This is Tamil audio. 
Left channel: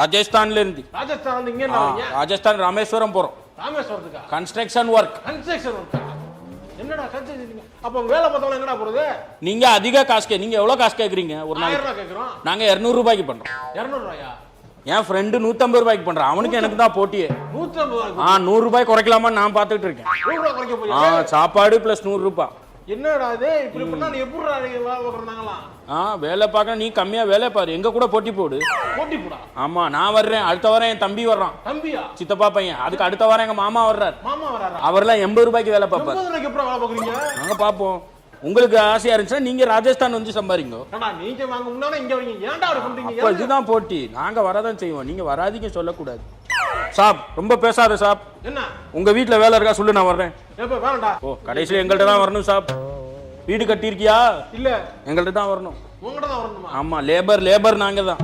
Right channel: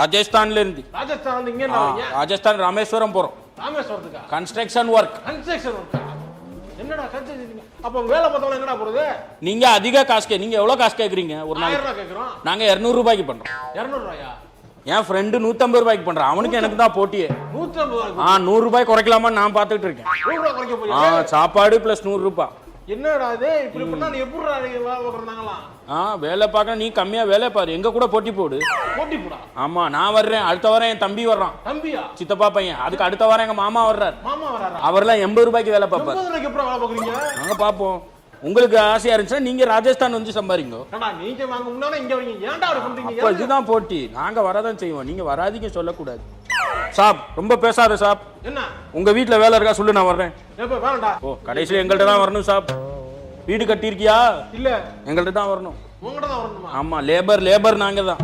ராஜஸ்தான்ல இருந்து. ராஜஸ்தான் ராமேஸ்வரம் போறோம். Construction work. அப்ப வேலை பார்த்தவங்க எங்கடா போறது? நீங்க அதிக காசு நீங்க எவ்வளவு காசு கேக்குறீங்க? ஒரு நாளைக்கு நாங்க 200 ரூபாய்க்கு பண்றோம். 200 ரூபாயா? என் ஃப்ரெண்டு 150 ரூபாய்க்கு பண்றான். அவனுக்கு எனக்கு தான் போட்டியே. 100 ரூபாய் குறைக்கலாமா நான் பாத்துட்டு இருக்கேன். சாப்பாடு பிளஸ் 100 ரூபாய். என்னடா இது இப்படி பண்ணா நீ எப்படிடா வேலை ஓடுறாங்களா? வேலை பார்க்க நீ கம்மியா வேலை பாரு. எங்க கூட போட்டி போடு. போட்டி போடா. ஆமா நான் வர்றேன். அடுத்த வாரம் என் தம்பி வர்றான். தம்பியா? சித்தப்பா பையன். அதுக்கு அடுத்த வாரம் எங்க மாமா வர்றாரு. மாமா வர்றாரா? அவர்லாம் 80 ரூபாய்க்கு வேலை பார்ப்பாரு. 80 ரூபாய்க்கு எப்பறம் வேலை பார்க்கறீங்க? நாங்க பாப்போம். உங்களுக்கு ஆசையா இருந்துச்சா நீங்க ராஜஸ்தான் வந்து சம்பாரிங்க. நீங்க வாங்க முன்னால இங்க ஏன்டா பண்றீங்க? அப்ப இதுதான் போட்டி. நாங்க வரதான் செய்வோம். நீங்க வராதீங்க சொல்லக்கூடாது. சாப் ரொம்ப பேசாத சாப். என்ன? உங்க வீட்ல வேலை இருக்கா சொல்லு நான் வர்றேன். எப்ப வரடா? கடைசில எங்கள்ட்ட தான் வரணும் சாப். வீடு கட்டி இருக்கியா? இல்ல. எங்கள்ட்ட தான் வரணும். உங்ககிட்ட தான் வரணுமா? ஆமா லேபர் நாங்க தான்.